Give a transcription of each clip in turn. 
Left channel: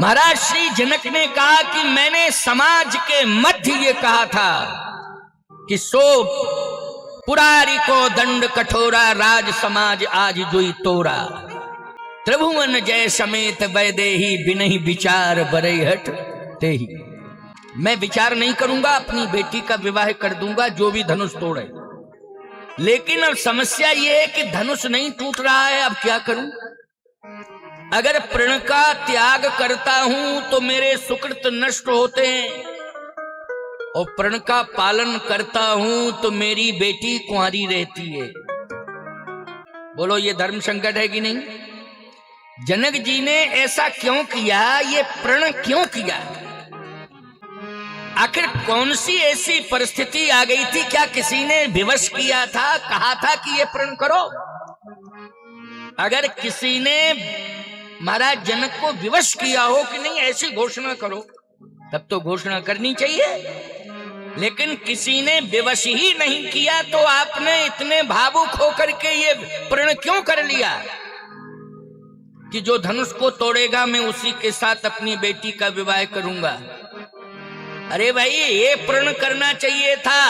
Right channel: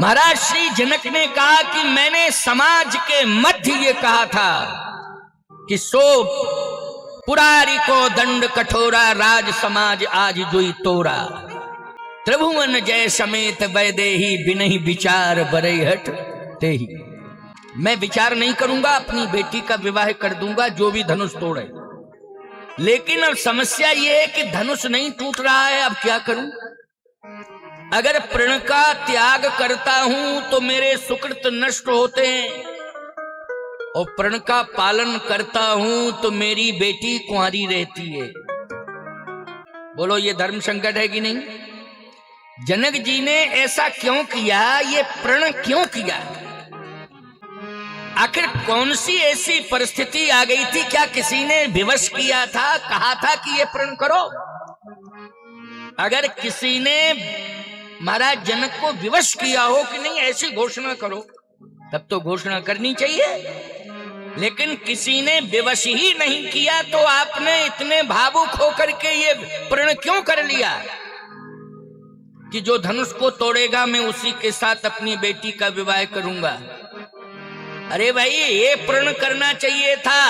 महाराज श्री जनक ने कहा कि मैंने समाज के मध्य ये कहा था कि सो पुरारी को दंड कठोरा, राज समाज आज जुई तोरा, त्रिभुवन जय समेत वैदेही बिनहि विचार बरैहट तेही। मैं विचार नहीं करूंगा, अपनी बेटी का विवाह कर दूंगा जो भी धनुष तोड़े। लेकिन अब समस्या ये है कि धनुष नहीं टूट रहा है, अब क्या करूं? अगर प्रण का त्याग करता हूं तो मेरे सुकृत नष्ट होते हैं, और प्रण का पालन करता हूं तो मेरी बेटी कुंवारी रहती है। बोलो ये धर्म संकट है कि नहीं? जनक जी ने ऐसा क्यों किया? ये प्रण क्यों किया? आखिर कौन सी ऐसी परिस्थिति आ गई थी? क्या किसी ने विवश किया था, कहा था कि ये प्रण करो? अगर किसी ने महाराज जनक को विवश किया हो कि नहीं ऐसी घोषणा करो, तब तो घोषणा करनी चाहिए। लेकिन किसी ने विवश ही नहीं किया तो आपने इतने भावुक होकर के ये प्रण क्यों कर लिया कि जो धनुष को तोड़ेगा मैं उसी के साथ अपनी बेटी का विवाह करूंगा? अरे भाई, ये प्रण करना चाहिए था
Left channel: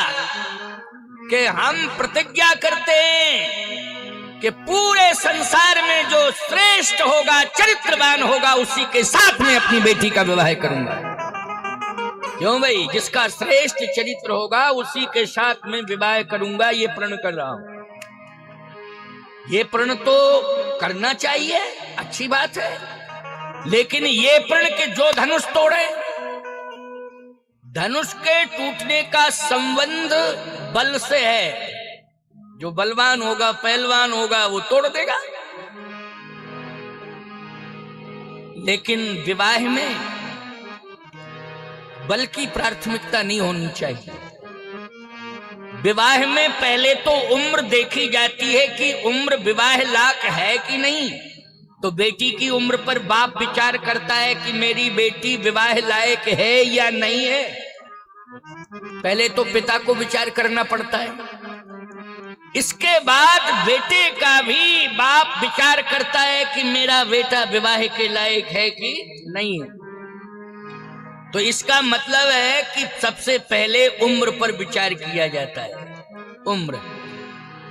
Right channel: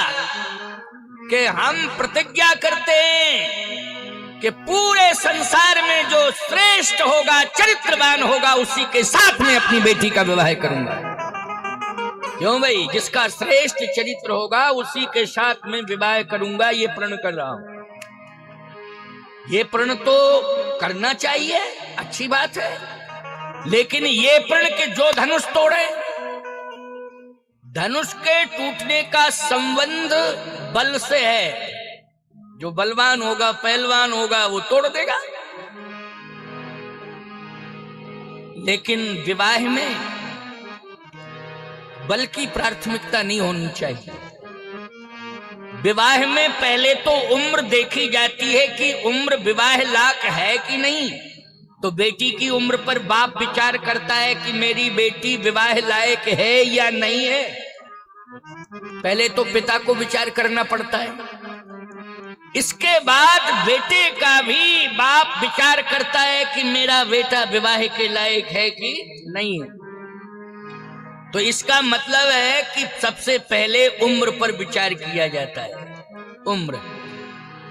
कि हम प्रतिज्ञा करते हैं कि पूरे संसार में जो श्रेष्ठ होगा, चरित्रवान होगा, उसी के साथ में अपनी बेटी का विवाह करूंगा। जिसका श्रेष्ठ चरित्र होगा उसी के साथ में विवाह करूंगा, ये प्रण कर रहा हूं। ये प्रण तो करना चाहिए, अच्छी बात है, लेकिन ये प्रण के जो धनुष तोड़े, धनुष के टूटने का संबंध बल से है। जो बलवान होगा, पहलवान होगा, वो तोड़ देगा। लेकिन विवाह में बल की प्राथमिकता नहीं होनी चाहिए। विवाह में पहले तो उम्र देखी जाती है कि उम्र विवाह लायक है कि नहीं। तो बेटी की उम्र पर बाप विचार करता है कि मेरी बेटी विवाह लायक है या नहीं है। पहले तो पिता को विचार करना पड़ता है, इसके बाद बेटे का भी बाप विचार करता है कि मेरा बेटा विवाह के लायक है कि नहीं है। तो इसका मतलब है कि सबसे पहले उम्र पर विचार किया जाता है।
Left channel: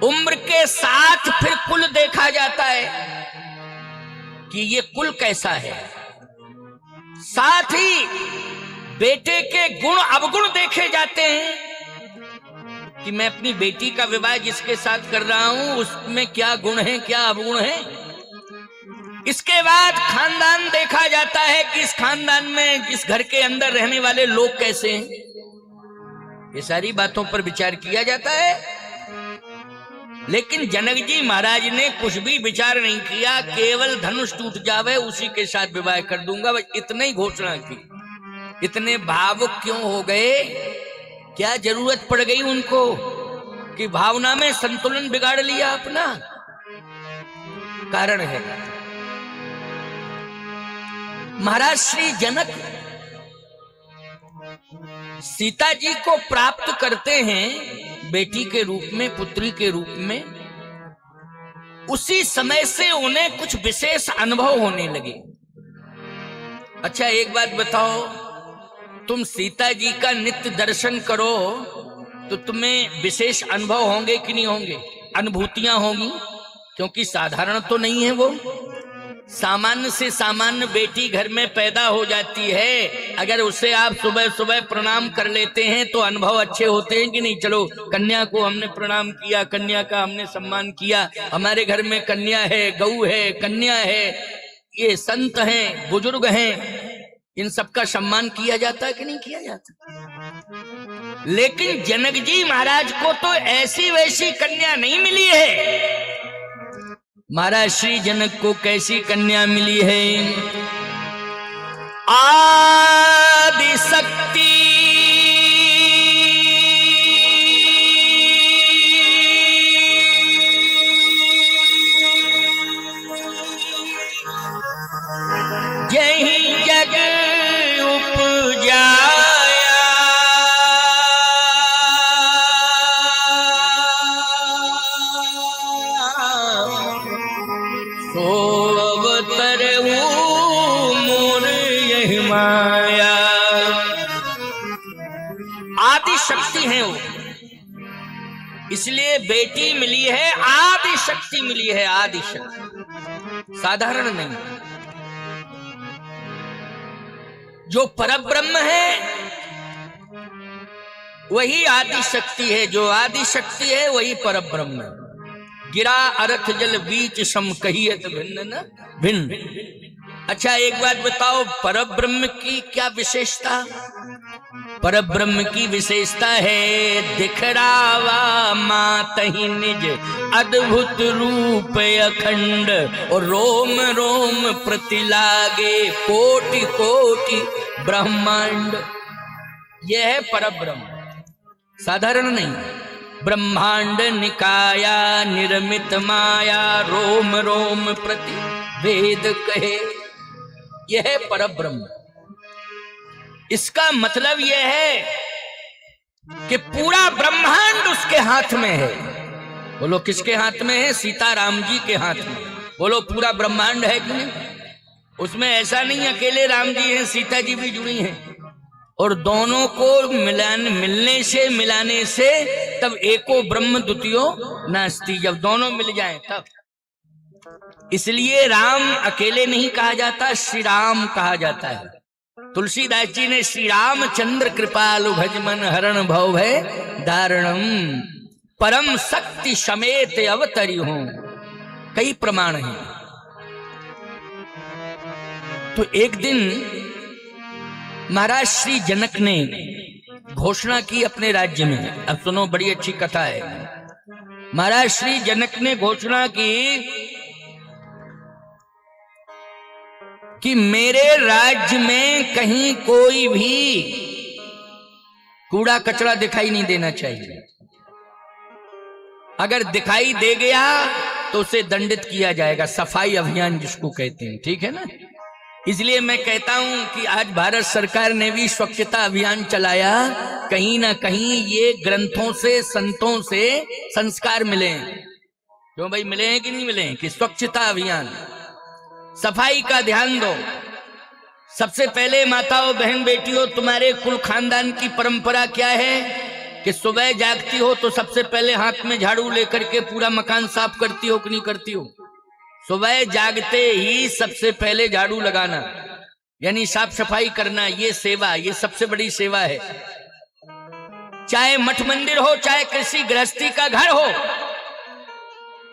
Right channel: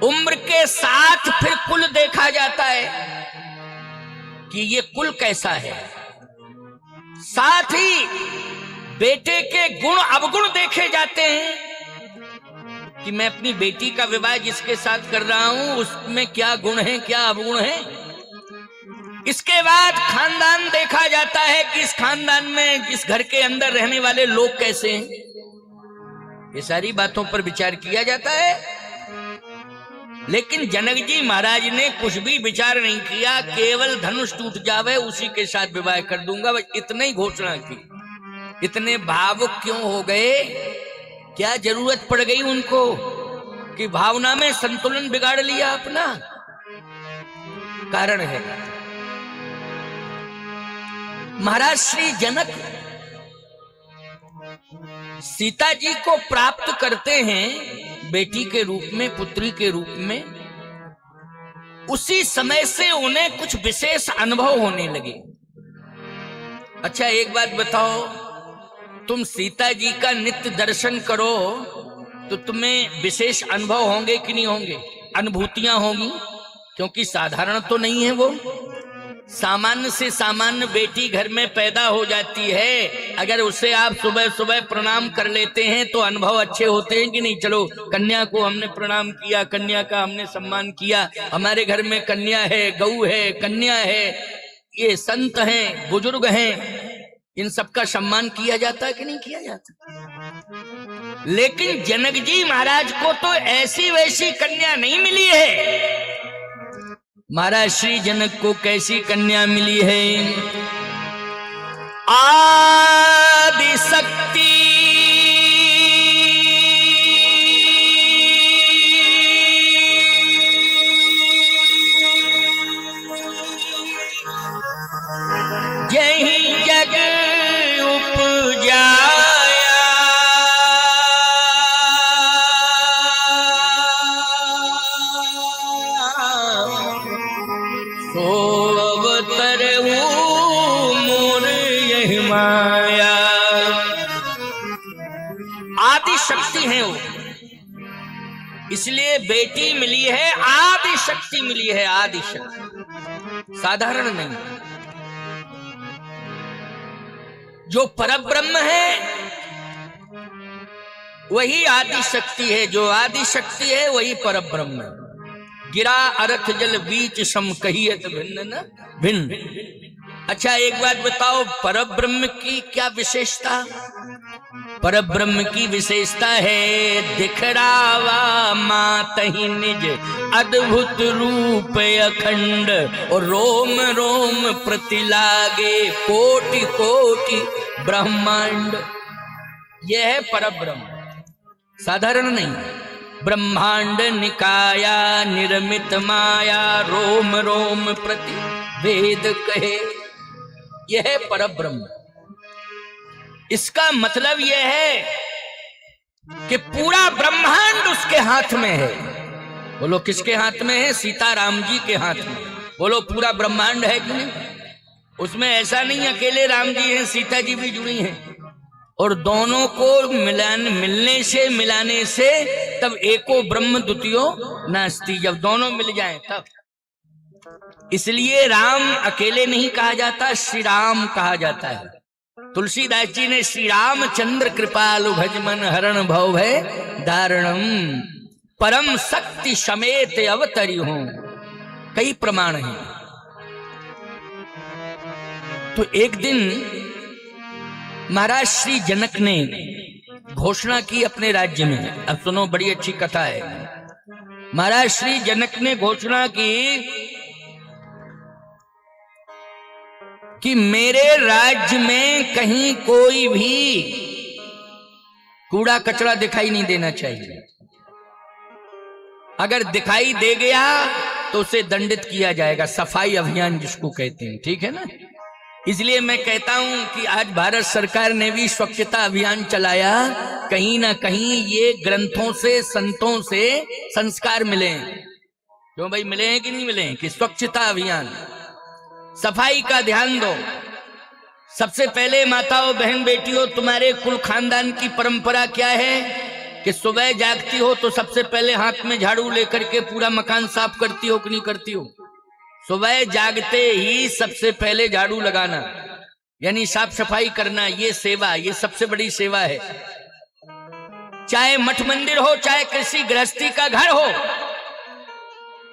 उम्र के साथ फिर कुल देखा जाता है कि ये कुल कैसा है। साथ ही बेटे के गुण अवगुण देखे जाते हैं कि मैं अपनी बेटी का विवाह जिसके साथ कर रहा हूं उसमें क्या गुण है, क्या अवगुण है। इसके बाद खानदान देखा जाता है कि इस खानदान में, इस घर के अंदर रहने वाले लोग कैसे हैं। ये सारी बातों पर विचार किया जाता है। लेकिन जनक जी महाराज ने कुछ भी विचार नहीं किया, केवल धनुष टूट जावे उसी के साथ विवाह कर दूंगा, बस इतनी ही घोषणा की। इतने भावुक क्यों हो गए? क्या जरूरत पड़ गई उनको कि भावना में संतुलन बिगाड़ लिया अपना? कारण है महाराज श्री जनक सीता जी को प्राप्त करते हैं बेटी के रूप में, पुत्री के रूप में। उसी समय से उन्हें कुछ विशेष अनुभव होने लगे। अच्छा एक बात बताओ, तुम सीता जी का नित्य दर्शन करो तो तुम्हें विशेष अनुभव होंगे कि नहीं होंगे? अनुभूतियां होंगी, क्योंकि साधारण तो नहीं है वो। सामान्य से सामान्य बेटी घर में पैदा हो जाती है, अगर उसे आप सुबह सुबह प्रणाम कर लेते हैं तो अनुभव अच्छे होते हैं कि नहीं? चलो कन्या को हमने प्रणाम किया, कन्या का हमने सम्मान किया, हमारे घर में कन्या है, गऊ है, कन्या है, ये संत हैं, बुजुर्ग हैं, इन सबका सम्मान किया जाता है कि नहीं किया जाता? लेकिन जनक जी महाराज को तो ऐसी वैसी कन्या नहीं मिली है। महाराज श्री जनक को कैसी कन्या मिली है? आदि शक्ति यही जग उपजाया, सो अवतर बेटी मिली है, आदि शक्ति मिली है, आदि शक्ति, साधारण नहीं। जो परब्रह्म है वही आदि शक्ति है, जो आदि शक्ति है वही परब्रह्म है। गिरा अरथ जल बीच सम कहियत भिन्न न भिन्न। अच्छा एक बात बताओ, परब्रह्म की क्या विशेषता? परब्रह्म की विशेषता है दिखरावा मातहि निज अद्भुत रूप अखंड, और रोम रोम प्रतिलागे कोटि कोटि ब्रह्मांड। यह है परब्रह्म, साधारण नहीं। ब्रह्मांड निकाया निर्मित माया, रोम रोम प्रति वेद कहे, यह है परब्रह्म। इसका मतलब यह है कि पूरा ब्रह्मांड उसके हाथ में है। बोलो किसके हाथ में है? सीताराम जी के हाथ में। बोलो पूरा ब्रह्मांड है कि नहीं? उसमें ऐसा नहीं अकेले राम जी हैं, सीता जी भी जुड़ी हैं, और दोनों को मिलने से मिलाने से तब एको ब्रह्म द्वितीयो नास्ति, जब दोनों मिल जाएं तब। इसलिए राम अकेले नहीं कहा जाता, श्री राम कहा जाता है। तुलसीदास जी ने श्री रामचंद्र कृपालु भजमन हरण भव भय दारणम परम शक्ति समेत अवतरी हो, कई प्रमाण हैं। तो एक दिन महाराज श्री जनक ने घोषणा की अपने राज्य में। अब सुनो, बड़ी अच्छी कथा है। महाराज श्री जनक ने घोषणा की कि मेरे राज्य में कहीं कोई भी कूड़ा कचरा दिखाई नहीं देना चाहिए। अगर दिखाई दे गया तो उसे दंडित किया जाएगा, सफाई अभियान जिसको कहते हैं, ठीक है ना। इसलिए मैं कहता हूं कि आज भारत सरकार ने भी स्वच्छता अभियान चलाया। कहीं ना कहीं ये ग्रंथों से, संतों से संस्कार मिले। क्यों भाई, मिले हैं कि नहीं मिले? कि स्वच्छता अभियान, सफाई का ध्यान दो। सबसे पहले माताओं, बहन, बेटियों, तुम्हारे कुल खानदान की परंपरा क्या है कि सुबह जागती हो तो सबसे पहले हाथ में झाड़ू लेकर के पूरा मकान साफ करती हो कि नहीं करती हो? सुबह जागते ही सबसे पहले झाड़ू लगाना, यानी साफ सफाई करना, ये सेवा, ये सबसे बड़ी सेवा है। चाहे मठ मंदिर हो, चाहे कृषि गृहस्थी का घर हो,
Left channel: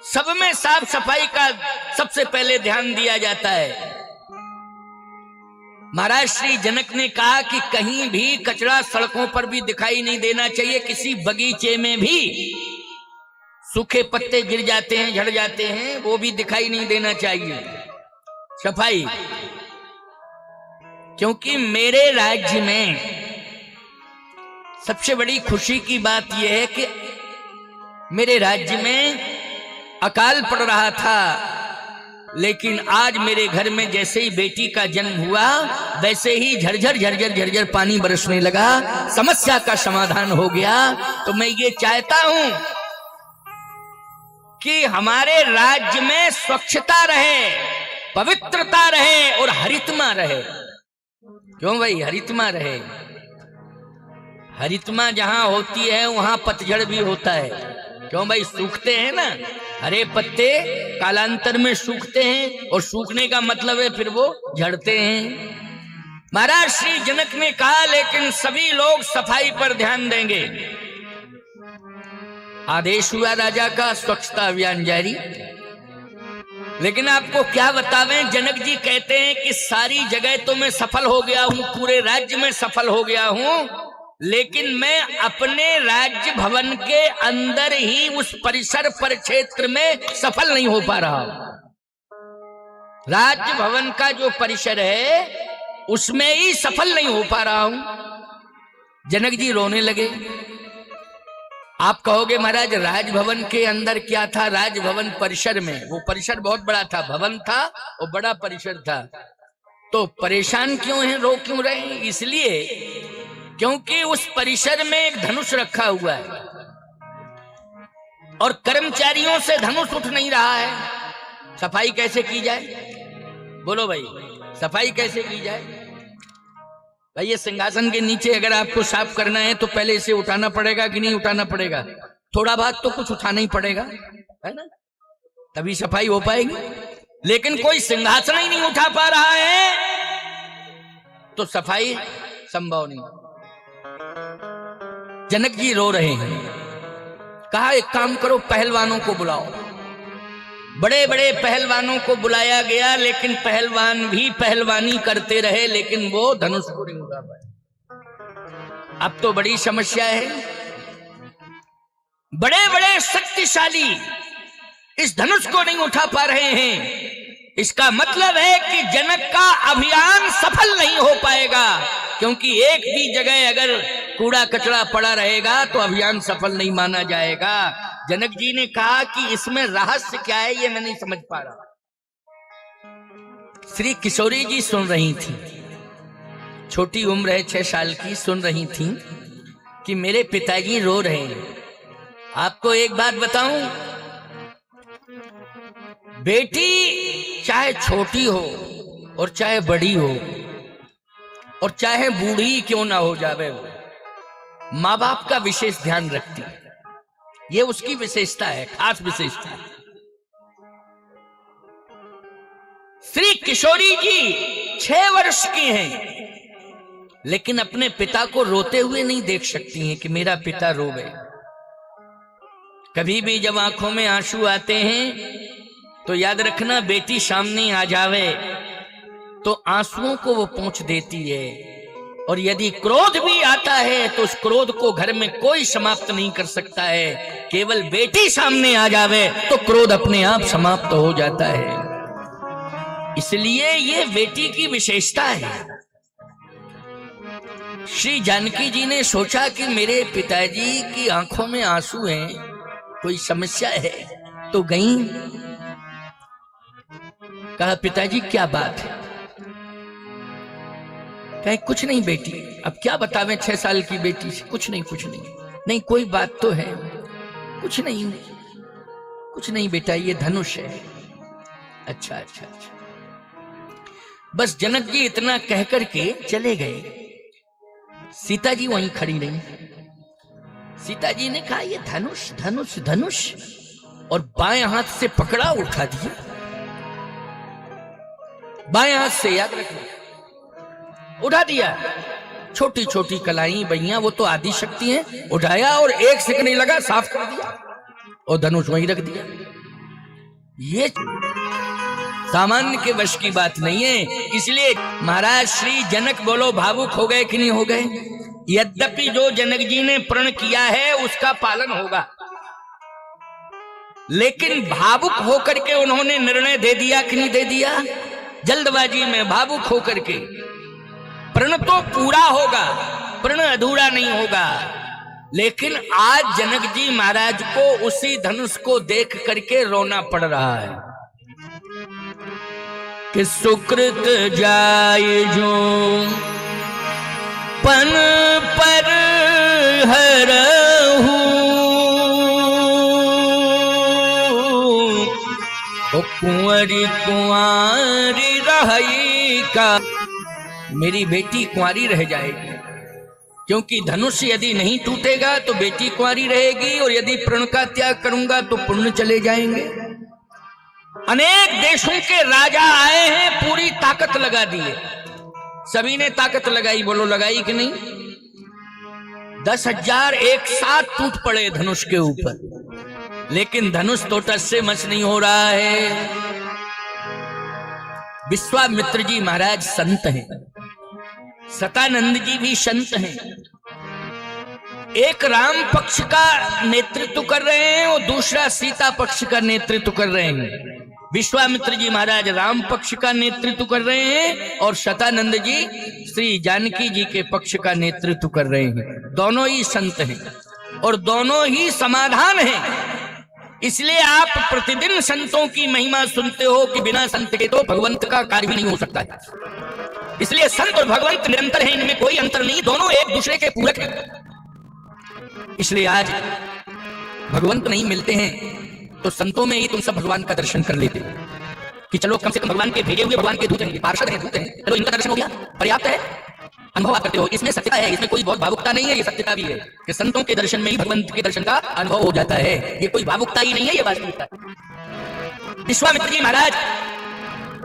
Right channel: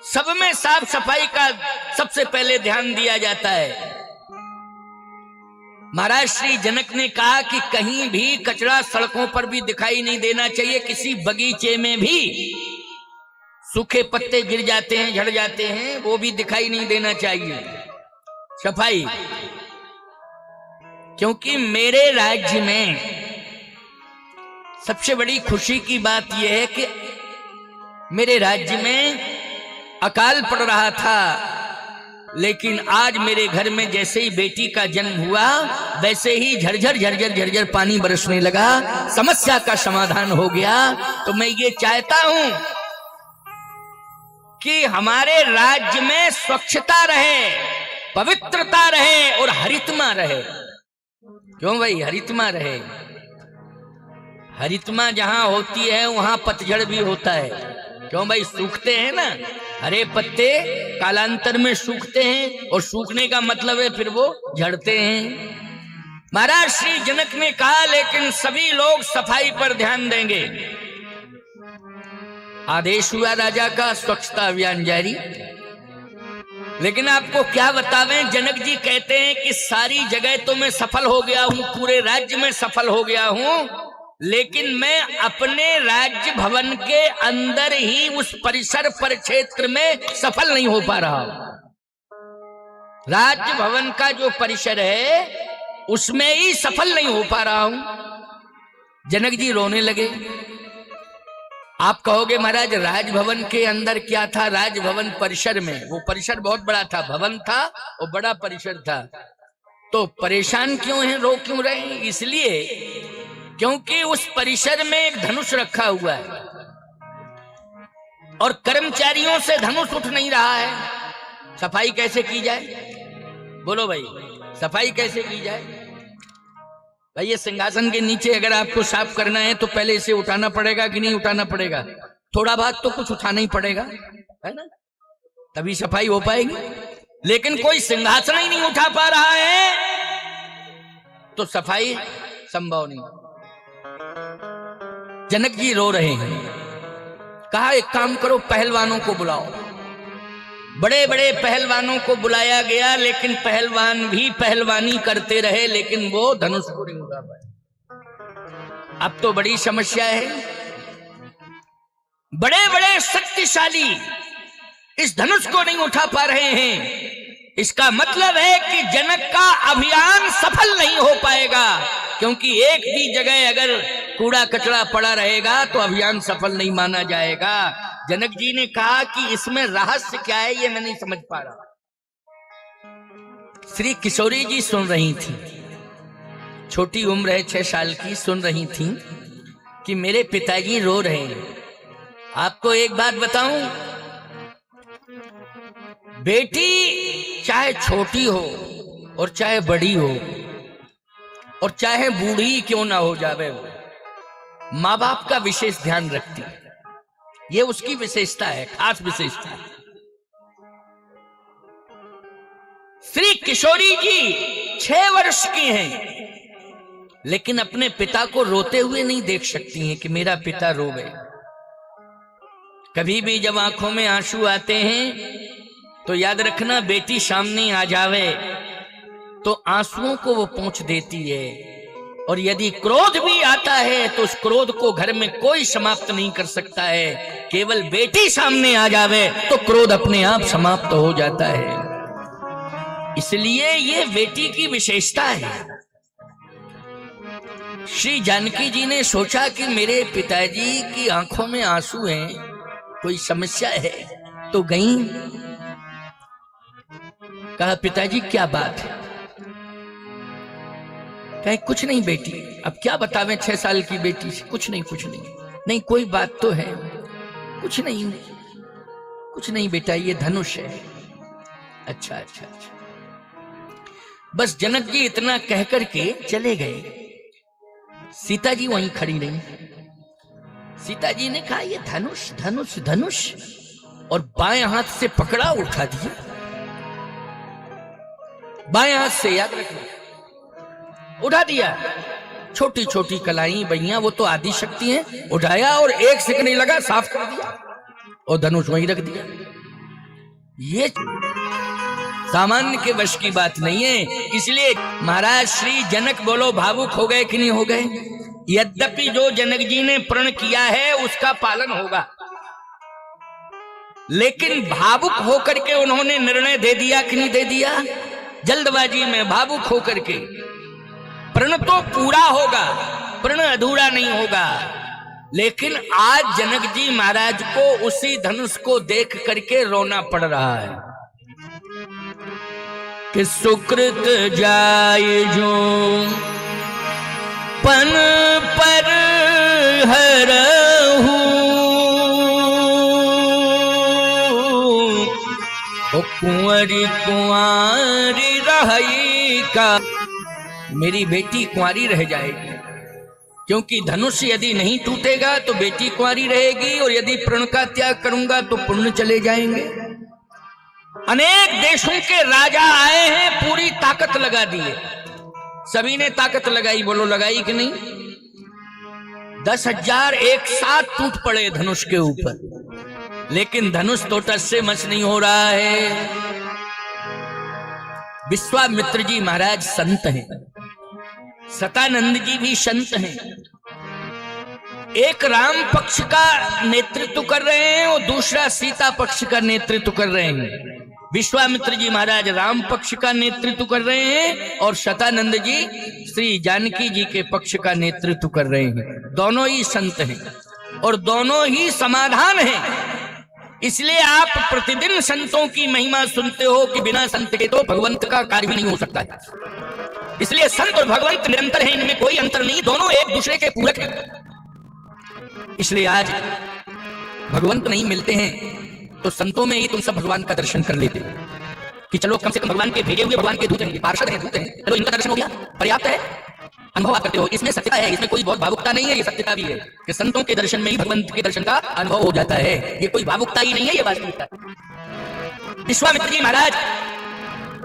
सब में साफ सफाई का सबसे पहले ध्यान दिया जाता है। महाराज श्री जनक ने कहा कि कहीं भी कचरा सड़कों पर भी दिखाई नहीं देना चाहिए। किसी बगीचे में भी सूखे पत्ते गिर जाते हैं, झड़ जाते हैं, वो भी दिखाई नहीं देना चाहिए। सफाई, क्योंकि मेरे राज्य में सबसे बड़ी खुशी की बात यह है कि मेरे राज्य में अकाल पड़ रहा था, लेकिन आज मेरे घर में जैसे ही बेटी का जन्म हुआ वैसे ही झरझर झरझर झरझर पानी बरसने लगा, समस्या का समाधान हो गया। तो मैं ये चाहता हूं कि हमारे राज्य में स्वच्छता रहे, पवित्रता रहे और हरितमा रहे। क्यों भाई, हरितमा रहे। हरितमा जहां होती है वहां पतझड़ भी होता है। क्यों भाई, सूखते हैं ना, हरे पत्ते कालांतर में सूखते हैं, और सूखने का मतलब है फिर वो झड़ते हैं। महाराज श्री जनक ने कहा लेकिन सभी लोग सफाई पर ध्यान देंगे। आदेश हुआ राजा का, स्वच्छता अभियान जारी। लेकिन आपको क्या बतावें, जनक जी कहते हैं कि सारी जगह तो मैं सफल हो गया हूं, पूरे राज्य में सफल हो गया हूं, लेकिन मैं अपने राज्य भवन के अंदर ही उस परिसर परिक्षेत्र में सफल नहीं हो पा रहा हूं। राज्य भवन का जो परिसर है उसमें ही सफल नहीं हो पा रहा हूं। जनक जी रोने लगे। आप कहोगे महाराज राजभवन के अंदर क्या था? राजभवन परिसर में, वो परिसर बहुत बड़ा था, भवन था और बड़ा परिसर था। तो परेशान क्यों है, रो क्यों रहे? इसलिए क्योंकि उस परिसर में एक धनुष रखा हुआ है और कर्मचारियों से धनुष उठ नहीं रहा है। सफाई कैसे की जाए? बोलो भाई, सफाई कैसे की जाए? भाई ये सिंहासन के नीचे अगर आपको साफ करना है तो पहले इसे उठाना पड़ेगा कि नहीं उठाना पड़ेगा? थोड़ा बहुत तो कुछ उठाना ही पड़ेगा, है ना, तभी सफाई हो पाएगी। लेकिन कोई सिंहासन ही नहीं उठा पा रहा है तो सफाई संभव नहीं। जनक जी रो रहे हैं। कहा एक काम करो, पहलवानों को बुलाओ। बड़े बड़े पहलवानों को बुलाया गया, लेकिन पहलवान भी पहलवानी करते रहे, लेकिन वो धनुष को नहीं उठा पाए। अब तो बड़ी समस्या है। बड़े बड़े शक्तिशाली इस धनुष को नहीं उठा पा रहे हैं। इसका मतलब है कि जनक का अभियान सफल नहीं हो पाएगा, क्योंकि एक भी जगह अगर कूड़ा कचरा पड़ा रहेगा तो अभियान सफल नहीं माना जाएगा। जनक जी ने कहा कि इसमें रहस्य क्या है, ये मैं नहीं समझ पा रहा। श्री किशोरी जी सुन रही थी, छोटी उम्र है 6 साल की, सुन रही थी कि मेरे पिताजी रो रहे हैं। आपको एक बात बताऊं, बेटी चाहे छोटी हो और चाहे बड़ी हो और चाहे बूढ़ी क्यों ना हो जावे, वो माँ बाप का विशेष ध्यान रखती है। ये उसकी विशेषता है, खास विशेषता है। श्री किशोरी जी 6 वर्ष की हैं, लेकिन अपने पिता को रोते हुए नहीं देख सकती हैं कि मेरा पिता रो गए। कभी भी जब आंखों में आंसू आते हैं तो याद रखना, बेटी सामने आ जावे तो आंसुओं को वो पोंछ देती है, और यदि क्रोध भी आता है तो उस क्रोध को घर में कोई समाप्त नहीं कर सकता है। केवल बेटी सामने आ जावे तो क्रोध अपने आप समाप्त हो जाता है। इसलिए ये बेटी की विशेषता है। श्री जानकी जी ने सोचा कि मेरे पिताजी की आंखों में आंसू हैं, कोई समस्या है, तो गई। कहा पिताजी क्या बात है? कहे कुछ नहीं बेटी, अब क्या बतावें 6 साल की बेटी से, कुछ नहीं कुछ नहीं। नहीं कोई बात तो है, कुछ नहीं कुछ नहीं बेटा, ये धनुष है। अच्छा अच्छा अच्छा। बस जनक जी इतना कह करके चले गए। सीता जी वहीं खड़ी रही। सीता जी ने कहा ये धनुष धनुष धनुष, और बाएं हाथ से पकड़ा, उठा दिया। बाएं हाथ से, याद रखना, उठा दिया। छोटी छोटी कलाई बहियां, वो तो आदि शक्ति हैं, उठाया और 1 सेकंड नहीं लगा, साफ कर दिया और धनुष वहीं रख दिया। ये सामान्य के वश की बात नहीं है। इसलिए महाराज श्री जनक बोलो भावुक हो गए कि नहीं हो गए? यद्यपि जो जनक जी ने प्रण किया है उसका पालन होगा, लेकिन भावुक होकर के उन्होंने निर्णय दे दिया कि नहीं दे दिया? जल्दबाजी में भावुक होकर के। प्रण तो पूरा होगा, प्रण अधूरा नहीं होगा। लेकिन आज जनक जी महाराज को उसी धनुष को देख करके रोना पड़ रहा है कि सुकृत जाय जो पन पर हरहु, कुंवरी कुंवारी रही का, मेरी बेटी कुंवारी रह जाएगी। क्योंकि धनुष यदि नहीं टूटेगा तो बेटी कुंवारी रहेगी, और यदि प्रण का त्याग करूंगा तो पुण्य चले जाएंगे। अनेक देशों के राजा आए हैं, पूरी ताकत लगा दी है, सभी ने ताकत लगाई, बोलो लगाई कि नहीं? 10,000 एक साथ टूट पड़े धनुष के ऊपर, लेकिन धनुष तो टस से मस नहीं हो रहा है। विश्वामित्र जी महाराज संत हैं, सतानंद जी भी संत हैं। एक राम पक्ष का नेतृत्व कर रहे हैं और दूसरा सीता पक्ष का नेतृत्व कर रहे हैं। विश्वामित्र जी महाराज राम पक्ष का नेतृत्व कर रहे हैं और सतानंद जी श्री जानकी जी के पक्ष का नेतृत्व कर रहे हैं। दोनों ही संत हैं और दोनों ही समाधान हैं। इसलिए आप प्रतिदिन संतों की महिमा सुनते हो कि बिना संत के तो भगवंत का कार्य नहीं हो सकता है। इसलिए संत और भगवंत निरंतर हैं, इनमें कोई अंतर नहीं, दोनों एक दूसरे के पूरक हैं। इसलिए आज भगवंत नहीं मिलते हैं तो संतों में ही तुम सब भगवान का दर्शन कर लेते कि चलो कम से कम भगवान के भेजे हुए भगवान के दूत हैं, पार्षद हैं, दूत हैं, चलो इनका दर्शन हो गया, पर्याप्त है। अनुभव करते हो, इसमें सत्यता है, इसमें कोई बहुत भावुकता नहीं है, ये सत्यता भी है कि संतों के दर्शन में ही भगवंत के दर्शन का अनुभव हो जाता है। ये कोई भावुकता ही नहीं है, ये वास्तविकता। विश्वामित्र जी महाराज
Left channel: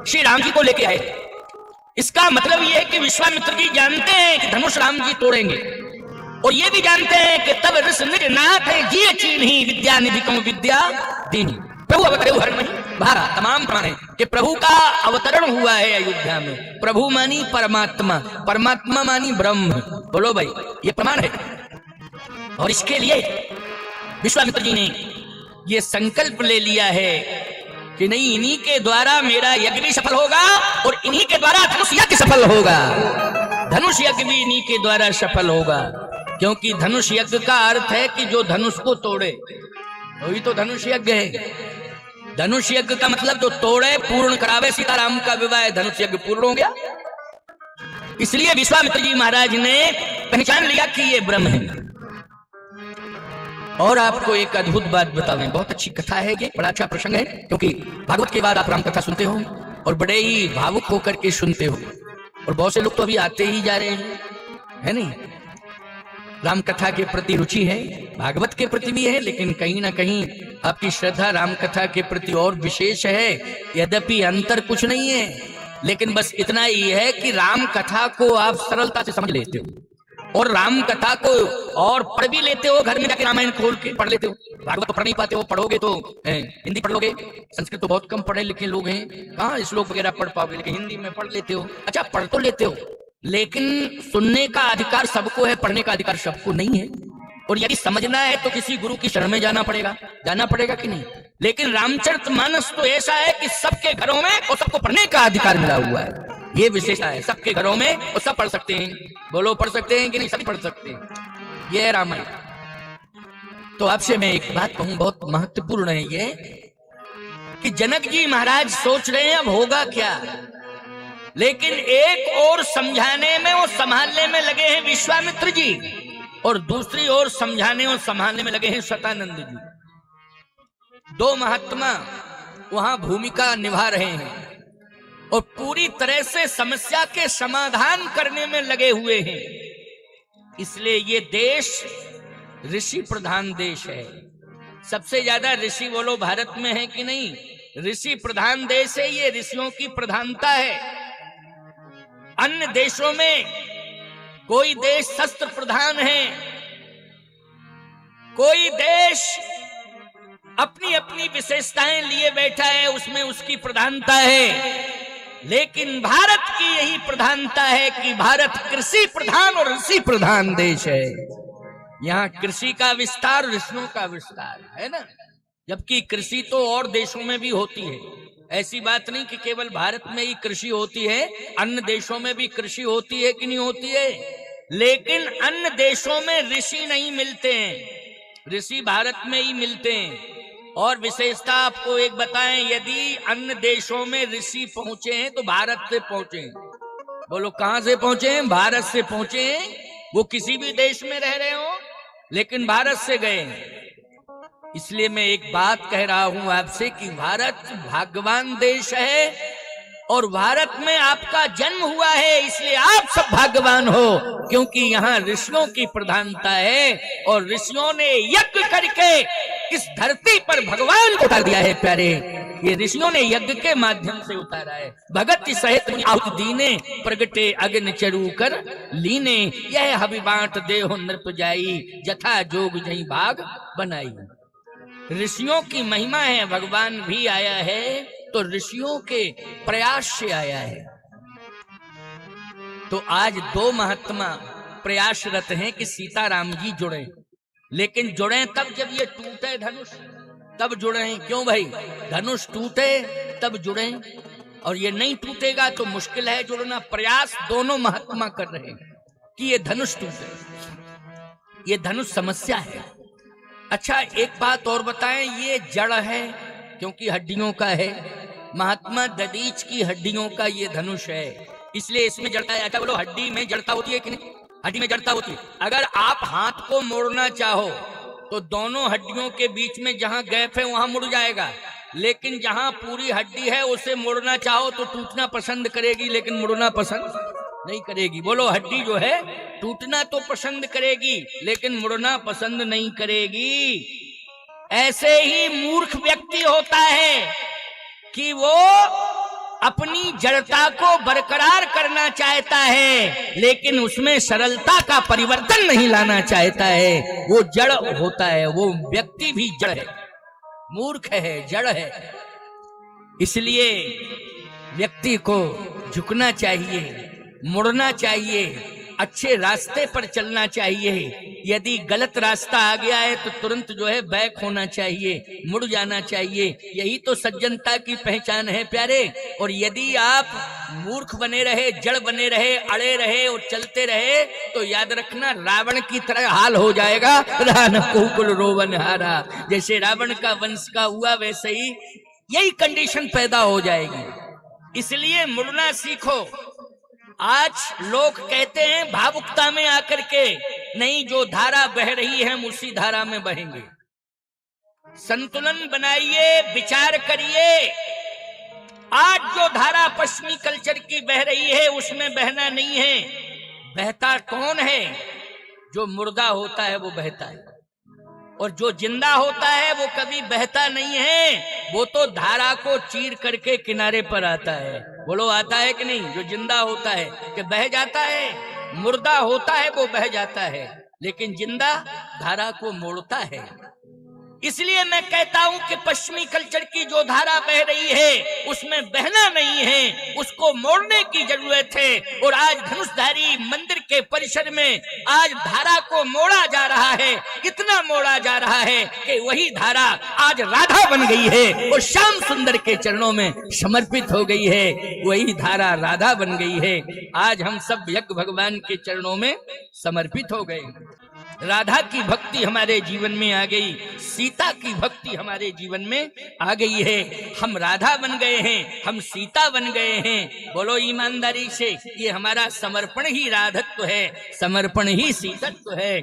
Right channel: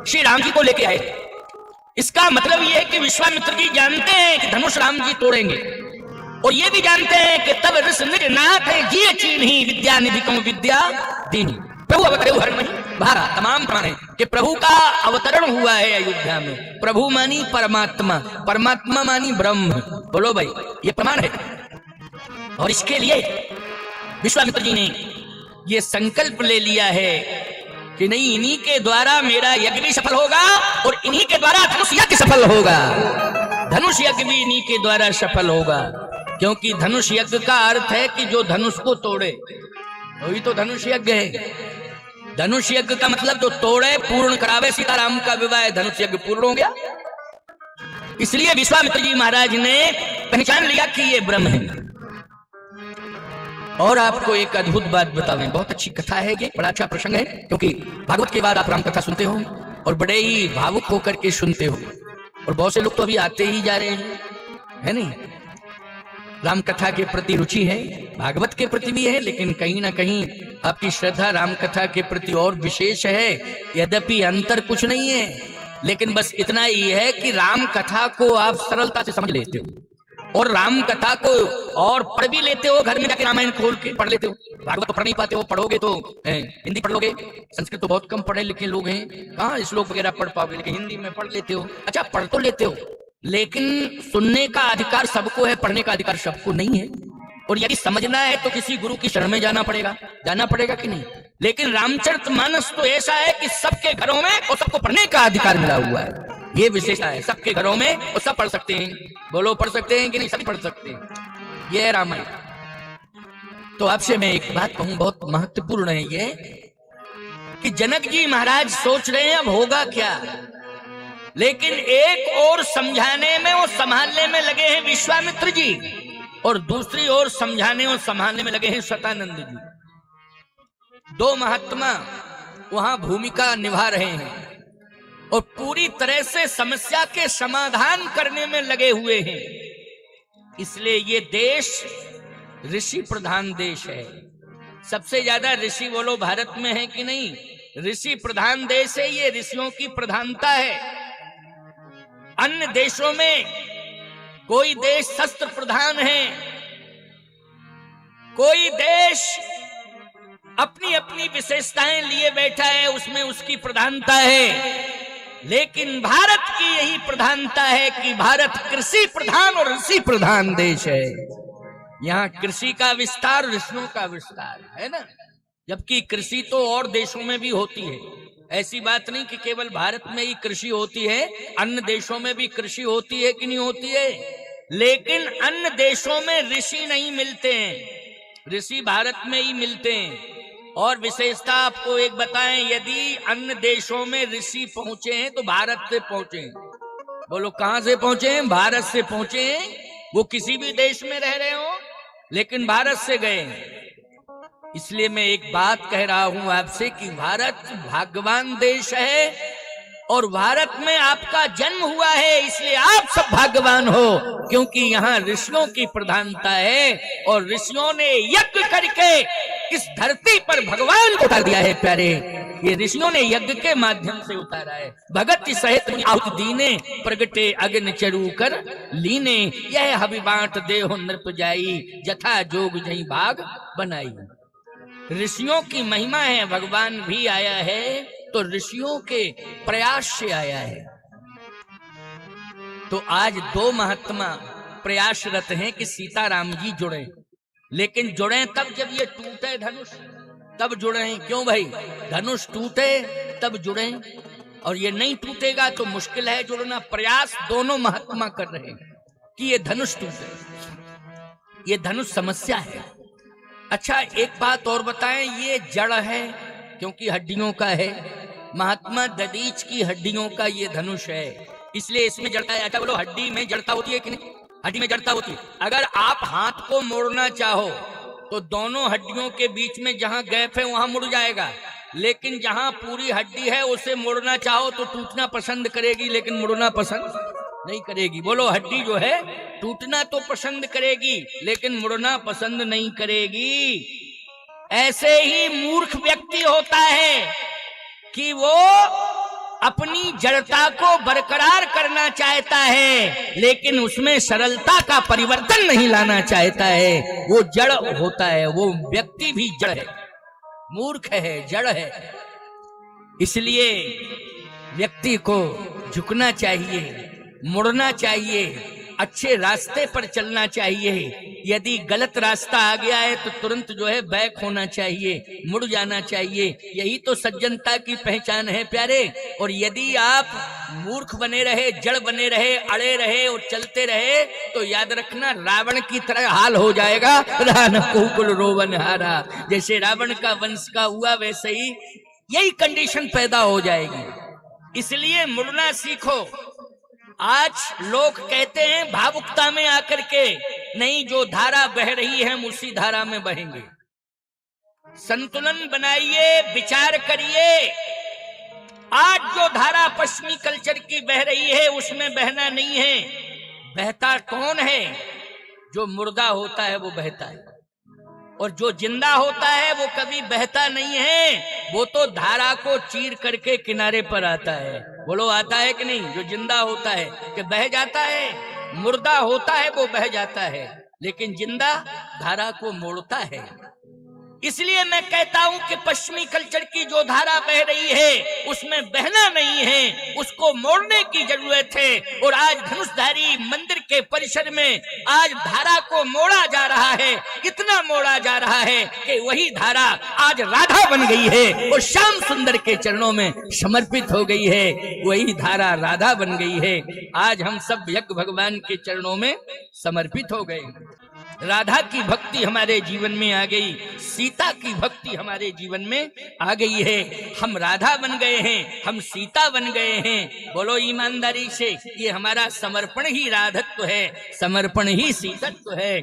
श्री राम जी को लेके आए। इसका मतलब ये है कि विश्वामित्र जी जानते हैं कि धनुष राम जी तोड़ेंगे, और ये भी जानते हैं कि तब विद्या निधि विद्या दीनी तमाम प्रभु कि प्रभु का अवतरण हुआ है अयोध्या में। प्रभु मानी परमात्मा, परमात्मा मानी ब्रह्म। बोलो भाई, ये प्रमाण है। और इसके लिए विश्वामित्र जी ने ये संकल्प ले लिया है कि नहीं, इन्हीं के द्वारा मेरा यज्ञ भी सफल होगा और इन्हीं के द्वारा धनुष यज्ञ सफल होगा। धनुष यज्ञ भी इन्हीं के द्वारा सफल होगा, क्योंकि धनुष यज्ञ का अर्थ है कि जो धनुष को तोड़े, वही तो धनुष यज्ञ है। धनुष यज्ञ का मतलब जो तोड़े, पूर्ण करावे। सीताराम का विवाह धनुष यज्ञ पूर्ण हो गया। इसलिए विश्वामित्र जी महाराज ने पहचान लिया कि ये ब्रह्म है। और आपको एक अद्भुत बात बता दें, बहुत अच्छी कथा है ये, बड़ा अच्छा प्रसंग है, क्योंकि भागवत के बाद आप राम कथा सुनते हो और बड़े ही भावुक होकर के सुनते हो, और बहुत से लोग तो अभी आते ही जा रहे हैं, है नहीं। राम कथा के प्रति रुचि है, भागवत के प्रति भी है, लेकिन कहीं ना कहीं आपकी श्रद्धा राम कथा के प्रति और विशेष है। यद्यपि अंतर कुछ नहीं है, लेकिन बस इतना ही है कि राम कथा को आप सरलता से समझ लेते हो और राम कथा को और पढ़ भी लेते हो। घर में जाकर रामायण खोल के पढ़ लेते हो। भागवत तो पढ़ नहीं पाते हो, पढ़ोगे तो हिंदी पढ़ लोगे। संस्कृत तो बहुत कम पढ़े लिखे लोग हैं, कहाँ श्लोक वगैरह पढ़ पाओगे, लेकिन हिंदी में पढ़ लेते हो। अच्छा, पढ़ तो लेते हो, लेकिन सुनने का अधिकार सबको है, पढ़ने का अधिकार सबको नहीं है। और यदि समझना है तो किसी गुरु की शरण में जाना पड़ेगा कि नहीं। लेकिन रामचरितमानस तो ऐसा है कि सबके घरों में और सबको पढ़ने का अधिकार मिला हुआ है। ये विशेषता है, सबके घरों में और सब पढ़ सकते हैं। बोलो, पढ़ सकते हैं कि नहीं? सब पढ़ सकते हैं। यह है रामायण। तो आपसे मैं एक बात कहूं, बहुत महत्वपूर्ण है ये, कि जनक जी महाराज सोच रहे हैं अब होगा क्या, लेकिन एक और समझाने में और संभालने में लगे हैं विश्वामित्र जी, और दूसरी ओर समझाने और संभालने में लगे हैं सतानंद जी। दो महात्मा वहां भूमिका निभा रहे हैं और पूरी तरह से समस्या के समाधान करने में लगे हुए हैं। इसलिए ये देश ऋषि प्रधान देश है। सबसे ज्यादा ऋषि बोलो भारत में है कि नहीं? ऋषि प्रधान देश है, ये ऋषियों की प्रधानता है। अन्य देशों में कोई देश शस्त्र प्रधान है, कोई देश अपनी अपनी विशेषताएं लिए बैठा है, उसमें उसकी प्रधानता है। लेकिन भारत की यही प्रधानता है कि भारत कृषि प्रधान और ऋषि प्रधान देश है। यहाँ कृषि का विस्तार, ऋषियों का विस्तार है ना। जबकि कृषि तो और देशों में भी होती है। ऐसी बात नहीं कि केवल भारत में ही कृषि होती है, अन्य देशों में भी कृषि होती है कि नहीं होती है। लेकिन अन्य देशों में ऋषि नहीं मिलते हैं, ऋषि भारत में ही मिलते हैं। और विशेषता आपको एक बताएं, यदि अन्य देशों में ऋषि पहुंचे हैं तो भारत से पहुंचे हैं। बोलो, कहां से पहुंचे हैं? भारत से पहुंचे हैं। वो किसी भी देश में रह रहे हो, लेकिन भारत से गए हैं। इसलिए मैं एक बात कह रहा हूं आपसे कि भारत भाग्यवान देश है और भारत में आपका जन्म हुआ है, इसलिए आप सब भाग्यवान हो, क्योंकि यहाँ ऋषियों की प्रधानता है और ऋषियों ने यज्ञ करके इस धरती पर भगवान को उतार दिया है। प्यारे, ये ऋषियों ने यज्ञ के माध्यम से उतारा है। भगत सहित आहुति दीने, प्रगटे अग्नि चरु कर लीने, यह हबि बांट देहो नृप जाई, जथा जोग जहीं भाग बनाई। ऋषियों की महिमा है। भगवान भी आया है तो ऋषियों के प्रयास से आया है। तो आज दो महात्मा प्रयासरत हैं कि सीताराम जी जुड़े, लेकिन जुड़े तब जब ये टूटे धनुष, तब जुड़े। क्यों भाई? धनुष टूटे तब जुड़े, और ये नहीं टूटेगा तो मुश्किल है जुड़ना। प्रयास दोनों महात्मा कर रहे हैं कि ये धनुष टूटे। ये धनुष समस्या है। अच्छा, एक बात और बताएं, ये जड़ है क्योंकि हड्डियों का है। महात्मा दधीच की हड्डियों का ये धनुष है, इसलिए इसमें जड़ता है। अच्छा बोलो, हड्डी में जड़ता होती है कि नहीं? हड्डी में जड़ता होती है। अगर आप हाथ को मोड़ना चाहो तो दोनों हड्डियों के बीच में जहां गैप है वहां मुड़ जाएगा, लेकिन जहां पूरी हड्डी है उसे मोड़ना चाहो तो टूटना पसंद करेगी, लेकिन मुड़ना पसंद नहीं करेगी। बोलो, हड्डी जो है टूटना तो पसंद करेगी लेकिन मुड़ना पसंद नहीं करेगी। ऐसे ही मूर्ख व्यक्ति होता है कि वो अपनी जड़ता को बरकरार करना चाहता है लेकिन उसमें सरलता का परिवर्तन नहीं लाना चाहता है। वो जड़ होता है, वो व्यक्ति भी जड़ है, मूर्ख है, जड़ है। इसलिए व्यक्ति को झुकना चाहिए, मुड़ना चाहिए, अच्छे रास्ते पर चलना चाहिए। यदि गलत रास्ता आ गया है तो तुरंत जो है बैक होना चाहिए, मुड़ जाना चाहिए। यही तो सज्जनता की पहचान है प्यारे। और यदि आप मूर्ख बने रहे, जड़ बने रहे, अड़े रहे और चलते रहे तो याद रखना रावण की तरह हाल हो जाएगा। रोवन हारा, जैसे रावण का वंश का हुआ वैसे ही यही कंडीशन पैदा हो जाएगी। इसलिए मुड़ना सीखो। आज लोग कहते हैं भावुकता में आकर के, नहीं, जो धारा बह रही है हम उसी धारा में बहेंगे। संतुलन बनाइए, विचार करिए। आज जो धारा पश्चिमी कल्चर की बह रही है उसमें बहना नहीं है। बहता कौन है? जो मुर्दा होता है वो बहता है, और जो जिंदा होता है वो कभी बहता नहीं है। वो तो धारा को चीर करके किनारे पर आता है। बोलो, आता है कि नहीं? जो जिंदा होता है कि बह जाता है, मुर्दा होता है वो बह जाता है, लेकिन जिंदा धारा को मोड़ता है। इसलिए मैं कहता हूं कि पश्चिमी कल्चर की जो धारा बह रही है उसमें बहना नहीं है, उसको मोड़ने की जरूरत है। और आज धनुषधारी मंदिर के परिसर में आज धारा को मोड़ा जा रहा है, इतना मोड़ा जा रहा है कि वही धारा आज राधा बन गई है और श्याम सुंदर के चरणों में समर्पित हो गई है। वही धारा राधा बन गई है। आज हम सब यज्ञ भगवान के चरणों में समर्पित हो गए। राधा की भक्ति हमारे जीवन में आ गई, सीता की भक्ति हमारे जीवन में आ गई है। हम राधा बन गए हैं, हम सीता बन गए हैं। बोलो ईमानदारी से, ये हमारा समर्पण ही राधत्व है, समर्पण ही सीतत्व है।